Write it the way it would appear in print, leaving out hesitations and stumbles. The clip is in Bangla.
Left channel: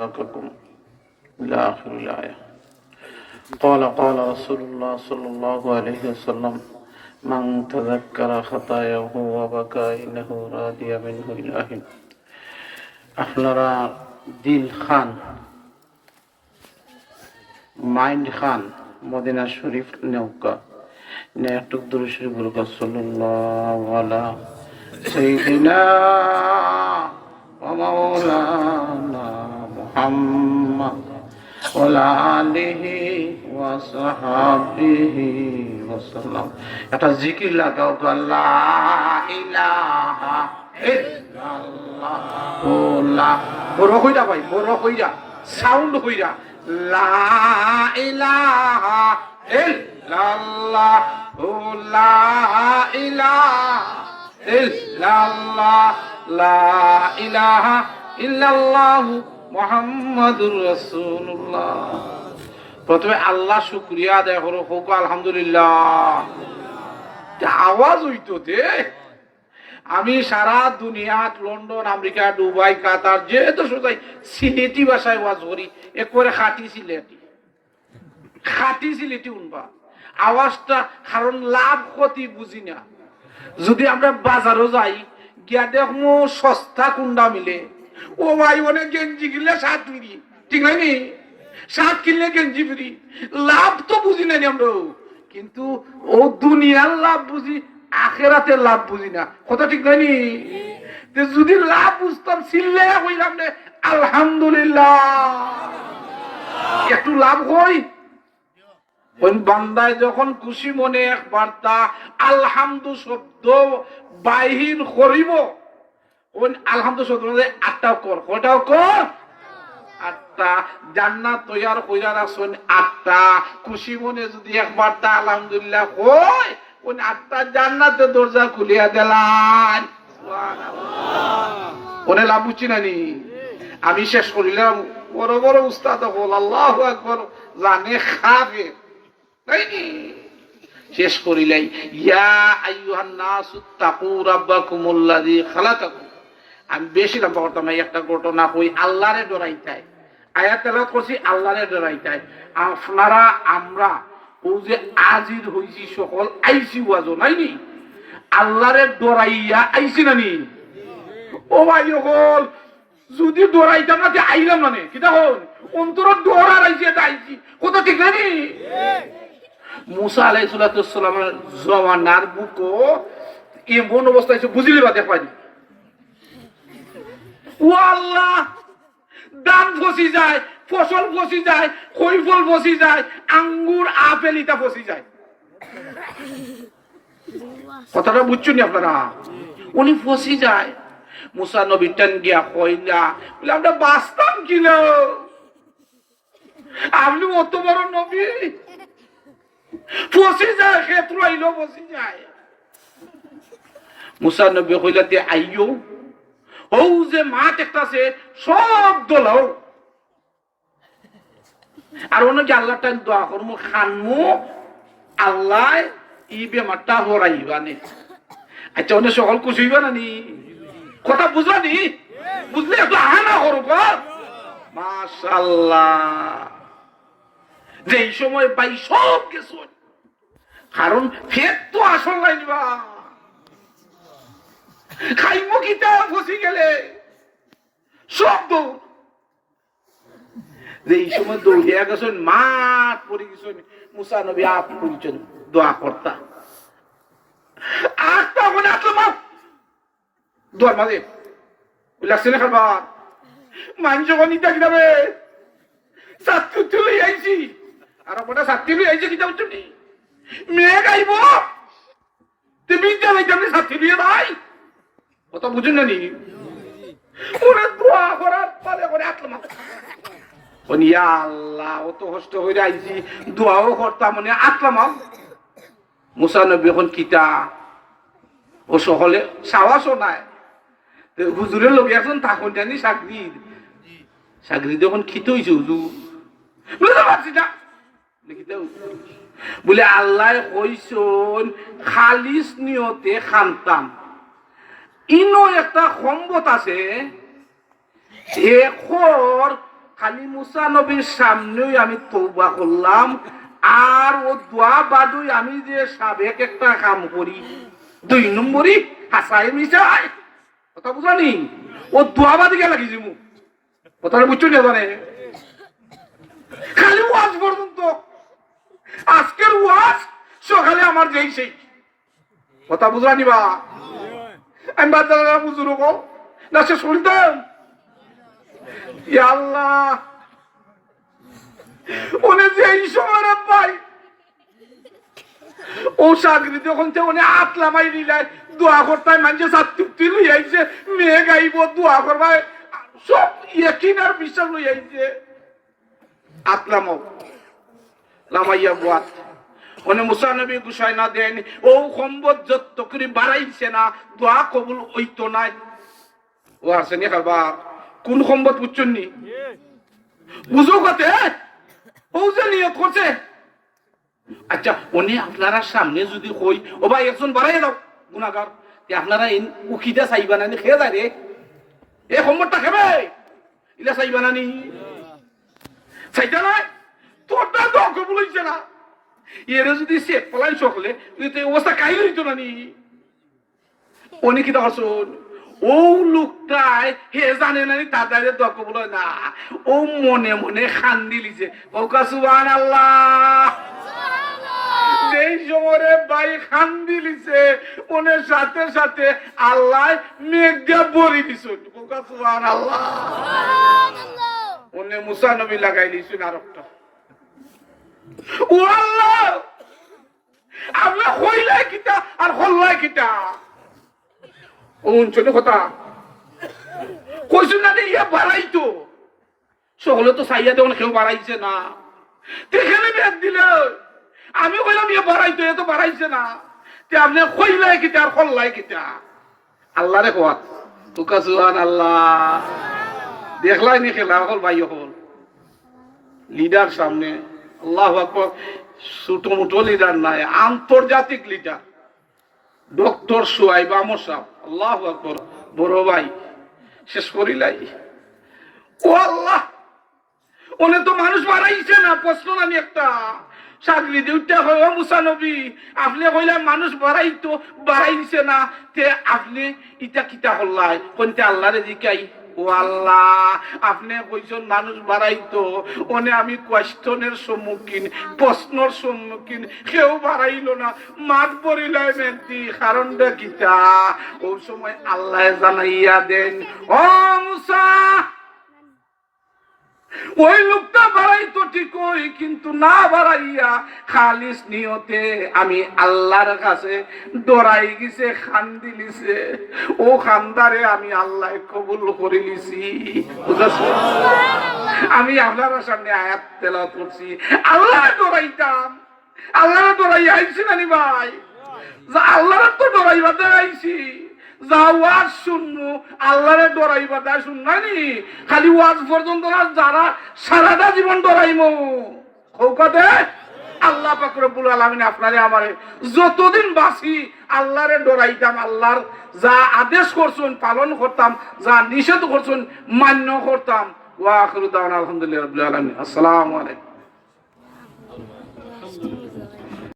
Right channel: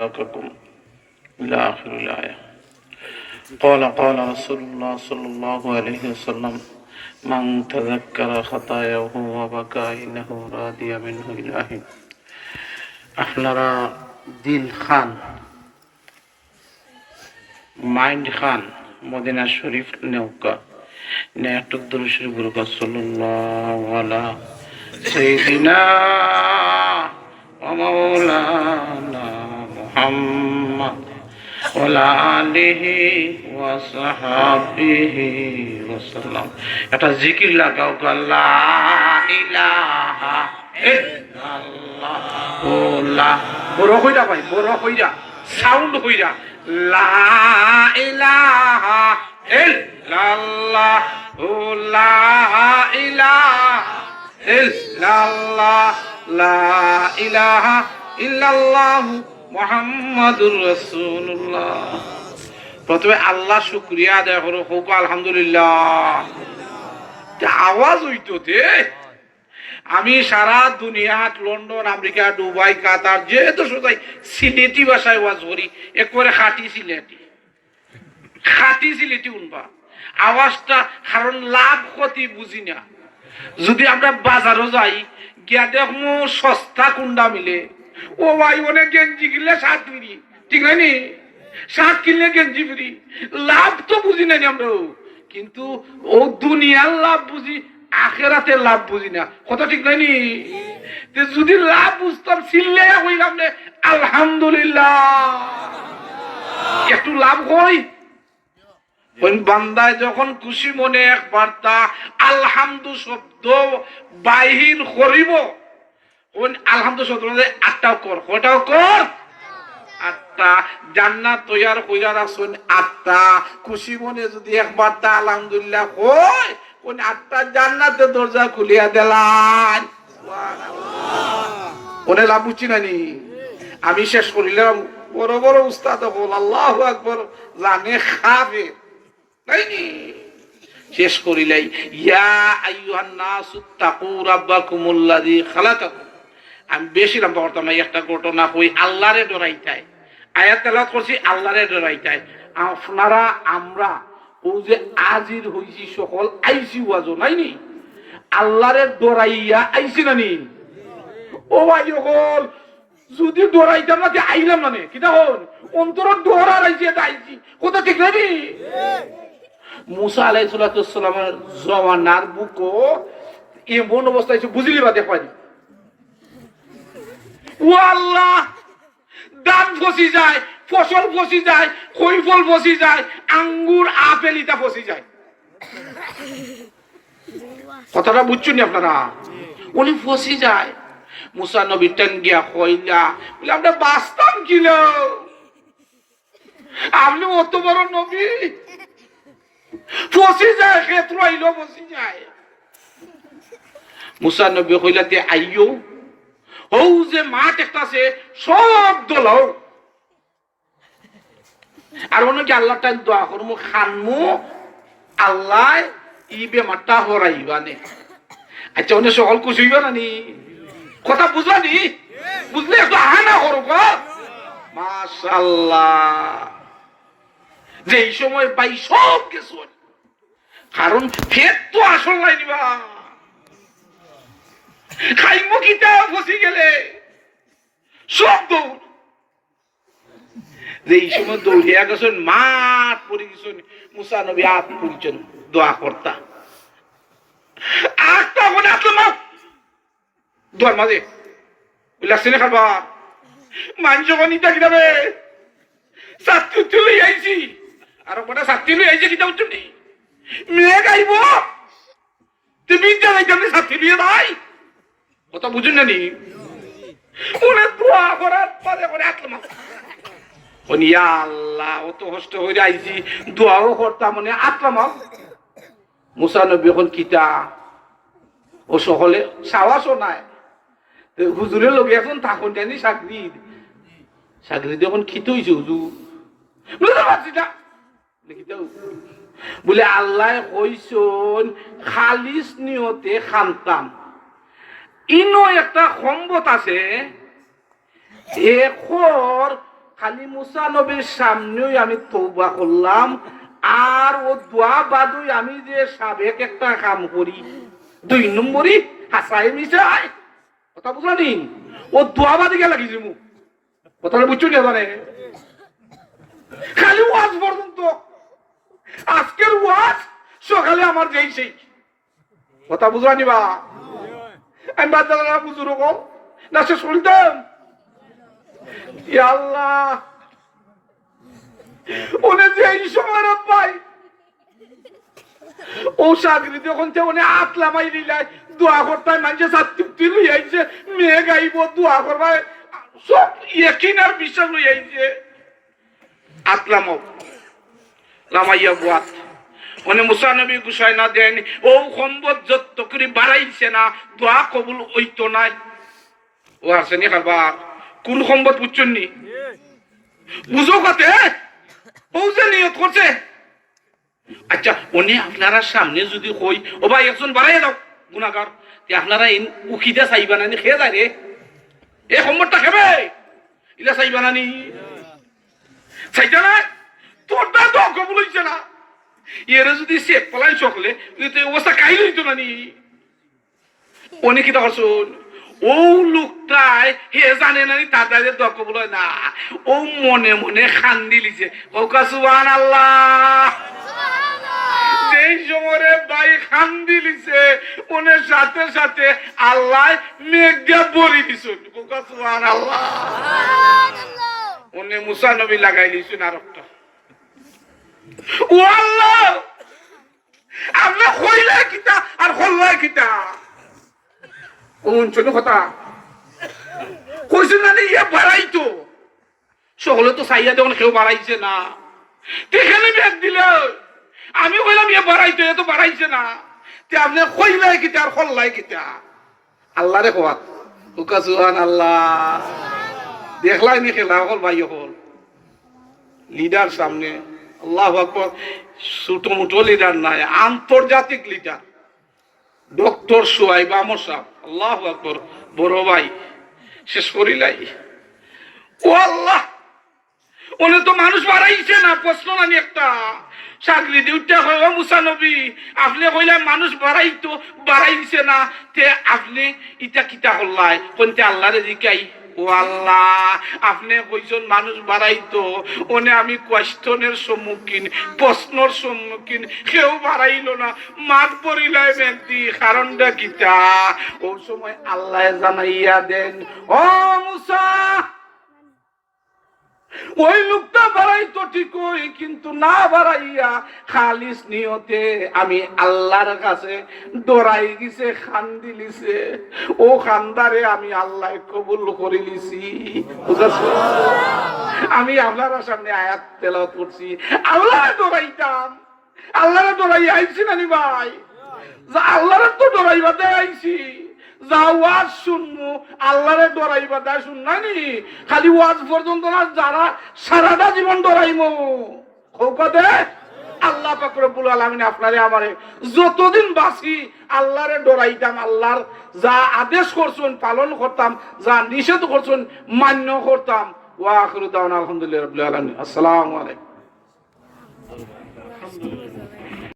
لكم إلى آخر الآية. قال رسول الله صلى الله عليه وسلم من تذكر خطاياه وبكى إنه راضي منه إلهي. আপনারা দিল খান, মাইন্ড খান, মদিনা শরীফ নৌকা নে একটু দূর শরীফ বলুকা সাল্লাল্লাহু আলা সাইয়্যিদিনা ওয়া মাওলানা মুহাম্মদ ওয়া আলা আলিহি ওয়া সাহবিহি ওয়া সাল্লাম। একটা জিকির লাগাও, লা ইলাহা ইল্লাল্লাহ। ওলা বড় কইরা ভাই, বড় কইরা সাউন্ড কইরা, লা ইলাহা ইল্লাল্লাহ, লা ইলাহা ইল্লাল্লাহ, লা ইলাহা ইল্লাল্লাহ মুহাম্মাদুর রাসূলুল্লাহ। প্রথমে আল্লাহ শুকরিয়া আদায় করো, হোক আলহামদুলিল্লাহ। আওয়াজ হইতো দে। আমি সারা দুনিয়াত লন্ডন, আমেরিকা, দুবাই, কাতার যে দেশ যাই সিলেটি ভাষায় ওয়াজ করি, একবারে খাঁটি সিলেটি উনবা আওয়াজটা। কারণ লাভ ক্ষতি বুঝি না। যদি আমরা বাজারও যাই গিয়া দেখো সস্তা কুন্ডা মিলে, ও ভাই অনেক গেঞ্জি কিনলে 7 ফ্রি, ঠিক হয়নি? 7 কিনলে গেঞ্জি ফ্রি। লাভ তো বুঝি না আমরা, কিন্তু ও দুনিয়ার লাভ বুঝি, আখেরাতে লাভ বুঝি না। কথা ঠিক নাইনি? যদি লাভ বুঝতাম ছিললে হইলাম না আলহামদুলিল্লাহ। একটু লাভ হই বান্দায় যখন খুশি মনে একবার তা আলহামদু শব্দ বাহির করিব, আলহামদু শব্দ 8টাও কর, কয়টাও কর? 8টা। জান্নাত তৈয়ার কইরা রাখছেন 8টা। খুশি মনে যদি একবার তা আলহামদুলিল্লাহ কয়, কোন 8টা জান্নাতের দরজা খুলিয়া দিলাম। ওনে লাভ বুঝছি নানি? আমি শেষ করিলাম। বড় বড় উস্তাদ বল আল্লাহু আকবার জানে খাবে নাইনি? শেষ করিলাই, ইয়া আইয়ুহান নাসু তাকু রাব্বাকুমুল্লাযী খালাকাকুম। আমি বেশিলাম পড়তাম না, একটা ঘটনা কই। আল্লাহরে ডরাইতাই আয়াত তেলাওয়াত করছি, আল্লাহরে ডরাইতাই। আপনারা আমরা ও যে আজির হইছি সকল আইসি ওয়াজও নাইনি, আল্লাহরে ডরাইয়া আইসি নানি? ও ভাই সকল যদি ডরাইতাম না যে আইলাম মানে কি তখন অন্তর ডরার আইসি, এটা আইসি। কত ঠিক নানি? মুসা আলাইহিস সালামের জমানার বুকো এমন অবস্থা হয়েছে বুঝিলি বা দেখাই। ও আল্লাহ, দাম ফসি যায়, ফসল ফসি যায়, কৈফল ফসি যায়, আঙ্গুর আপেল ইটা ফসি যায়। কথাটা বুঝছেন আপনারা? উনি ফসি যায়। মুসা নবী টেন গিয়া কইলা, বলে আমরা বাঁচতাম কিল, আপনি অত বড় নবী ফসি যায়, ক্ষেত্র আইলো ফসি যায়। মুসা নবী কইলা তে আইয়ো, ও যে মাঠ একটা আছে সব দোলাও, আর অনেকে আল্লাহ টাইম দোয়া করবো খানমু আল্লাহ ই বেমারটা হরাইবানে। আচ্ছা অনেক সকল খুশি হইবা নানি? কথা বুঝবানি? বুঝলে একটু আহানা করো। মাশাআল্লাহ, যে এই সময় পাই সব কিছু, কারণ ফের তো আসল নাই নিবা খাইমু কিটা ফসি গেলে সব দৌড়। যে এই সময় দৌড়িয়া গেছেন, মাঠ পড়ে গেছেন, মুসা নবী আত পরিচন দোয়া কর্তা। আটটা ওখানে আসলাম দোয়ার মাঝে লাগছে না খাবা মানুষ ওখানে ইটা কিনাবে ছাত্রী লই আইছি, আর ওখানে ছাত্রী লই আইছে কিটা উঠছে নি মেয়ে গাইব তুমি জ্বালাইতে আপনি ছাত্রী নিয়ে ভাই। কথা বুঝুন না নি? ওরা দোয়া করার পরে করে আসলাম, আল্লাহ অত কষ্ট হয়ে আইছি দোয়াও করতাম মনে আসলাম। মুসা নবী এখন কিতা ও সকলে সাহসও নাই। হুজুরের লোক এখন থাকুন জানি সাগরি যখন খিত হয়েছে হুজুর পারছি না বলে আল্লাহ কইসন খালিস নিয়তে খানতাম। ইনো একটা সম্বত আছে, খালি মুসা নবীর সামনেই আমি তওবা করলাম, আর ও দোয়া বাদুই আমি যে সাবেক একটা কাম করি 2 নম্বরই হাসাই মিশাই, কথা বুঝলি? ও দোয়া বাদে গেল লাগিয়েছি মু, কথা বুঝছো না? জানে খালি ওয়াজ পর্যন্ত, আজকের ওয়াজ সকালে আমার যেই সেই, কথা বুঝলানি বা আমি বাচ্চারা বুঝুর না সে শুনতাম। ইয়া আল্লাহ, ওনে যে এই সময় পাই ও চাকরি যখন ওনে আতলামাই নিলাই দোয়া করতে মানুষে ছাত্রী লই আইছে, মেয়ে গাইব দোয়া করবাই, সব ইয়কিন আর বিশ্বাস লই আইছে। আতলামো রামাইয়া বুয়াত ওনে মুসা নবী গুছাই না দেন, ও সম্পদ যত করে বাড়াইছে না দোয়া কবুল হইতো নাই। ও আসেনি খাবার কোন সম্পদ বুঝছেন নি? বুঝো কাতে ও যে নিয়ত করছে। আচ্ছা উনি আপনারা সামনে যদি কই ও ভাই একজন বাড়াই দাও গুনাহগার, তে আপনারা উখিদা চাইবা না খেয়ে যায় রে, এ সম্পদটা খেবে ইলা চাইবা না নি? চাইতা না তোরটা তো কবুল হইছে না, এরা যদি সে পলাই সকলে অবস্থা কাই হইতো না নি? উনি কি তখন শোন ও লোকটাই হে জানে না তার দাঁড়িয়ে দোয়া কবুল হয় না, ও মনে মনে খান্দি লিছে ওকা সুবহানাল্লাহ। যেই সময় ভাই খান্দি লিছে ওনের সাথে সাথে আল্লাহ মেঘা বলি দিছ, ওকা সুবহানাল্লাহ। ওনে মুসা নবী লাগাই লিছুন আর একটা, ও আল্লাহ আপনি কইলা কিতা আর হল্লা কিতা অঞ্চল কথা কইছেন না ইয়া বাড়াইতো সকলে তো চাইয়া দেওয়া কেউ বাড়াইছে না, এখানে ব্যাগ দিলে আমি কইলাম ইয়ে বাড়াইতো, এ তো বাড়াইছে না, তে আপনি কইলাই কিতা আর হল্লাই কিতা? আল্লাহ রে কোয়া তোকা সুবহানাল্লাহ। দেখলাই নি খেলা হল ভাই হল লিডার সামনে, আল্লাহু আকবার, ছোট মোটো লিডার নাই, আন্তর্জাতিক লিডার ডক্টর সুহাইব আমর সাহেব, আল্লাহু আকবার, বড় ভাই শেষ করিলাই। ও আল্লাহ ওনে তো মানুষ বাড়াইছে না, প্রশ্ন নানি একটা চাকরি দিউটা হয় মুসা নবী আপনি কইলাম মানুষ বাড়াইতো বাড়াইছে না, তে আপনি ইটা কিতা হল্লাই কোনতে আল্লাহরে জিকাই। ও আল্লাহ আপনি কইছেন মানুষ বাড়াইতো, ওনে আমি কোয়েশ্চনের সম্মুখীন, প্রশ্নর সম্মুখীন, কেউ বাড়াইলো না, মাঠ পড়িলাই মেন্তি, কারণটা কিতা? ও সময় আল্লাহ জানাইয়া দেন, ও মুসা ওই লোকটা বাড়াইতো ঠিকই, কিন্তু না বাড়াইয়া খালিস নিয়তে আমি আল্লাহর কাছে ডরাই গেছে, খান্দি লিছে, ও খান্দারে আমি আল্লাহ কবুল করে লিছি। আমি আল্লাহর সামনে আয়াত তেলাওয়াত করছি, আল্লাহ ডরাইতাম, আল্লাহ ডরাই আইছি নানি ভাই, আল্লাহর তো ডরাইবাতে আইছি, যা ওয়াজ শুনবো আল্লাহরে ডরাইবা তা শুননানি, খালি ওয়াজ পর্যন্ত না, যারা সারাটা জীবন ডরাইমো কৌকাতে আল্লাহ পাক রব্বুল আলামিন আপনারে আমারে যতদিন বাঁচি আল্লাহরে ডরাইতাম, আল্লাহর যা আদেশ করছেন পালন করতাম, যা নিষেধ করছেন মান্য করতাম। ওয়া আখিরু দাওয়ানা আলহামদুলিল্লাহি রাব্বিল আলামিন। আসসালামু আলাইকুম।